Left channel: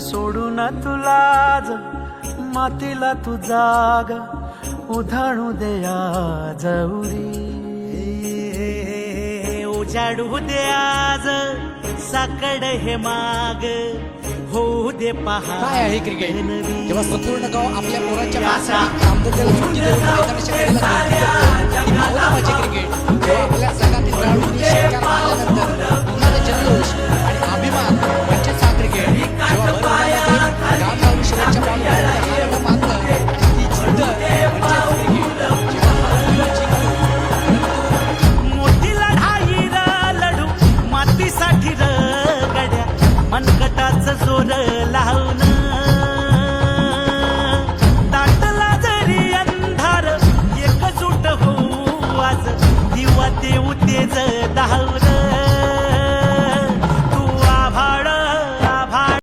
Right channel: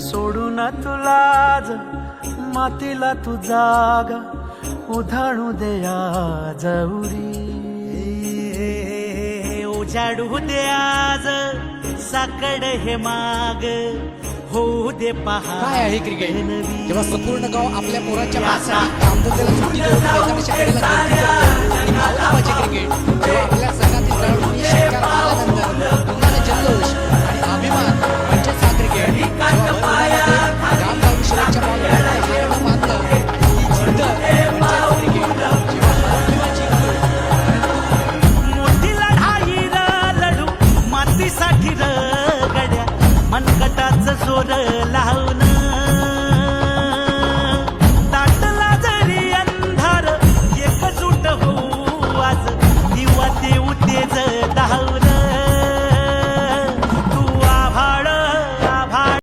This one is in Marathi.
सोडून तुलाज मातीला तू जाग उधाणू दे आज उरी. उजाडू दे आज साकड हे माग होऊ दे पहा. काय आहे क्रिकेट? जेव्हा संपूर्ण गाव आपल्या पोरांच्या पायासाठी कामधंद्याला सुट्टी देऊन मैदानाच्या कडेला गर्दी करतो ती भावना म्हणजे क्रिकेट. जेव्हा आपल्या संघातील खेळाडूंनी षटकार मारल्यानंतर पुन्हा जल्लोष आणि अभिमान म्हणजेच हा क्रिकेट. जेव्हा भर उन्हामध्ये गावगावी शेवटच्या बॉलपर्यंत हार न मानलं आणि ती जिद्द म्हणजेच क्रिकेट. जेव्हा हारू किंवा जिंकतो परंतु मोठी लढाई र लढू मातीसाठी र गड्या मनकटाच जोर लावून. दाटला जरी अंधार एकजूट होऊ आज दिवा देऊ तेज धावून.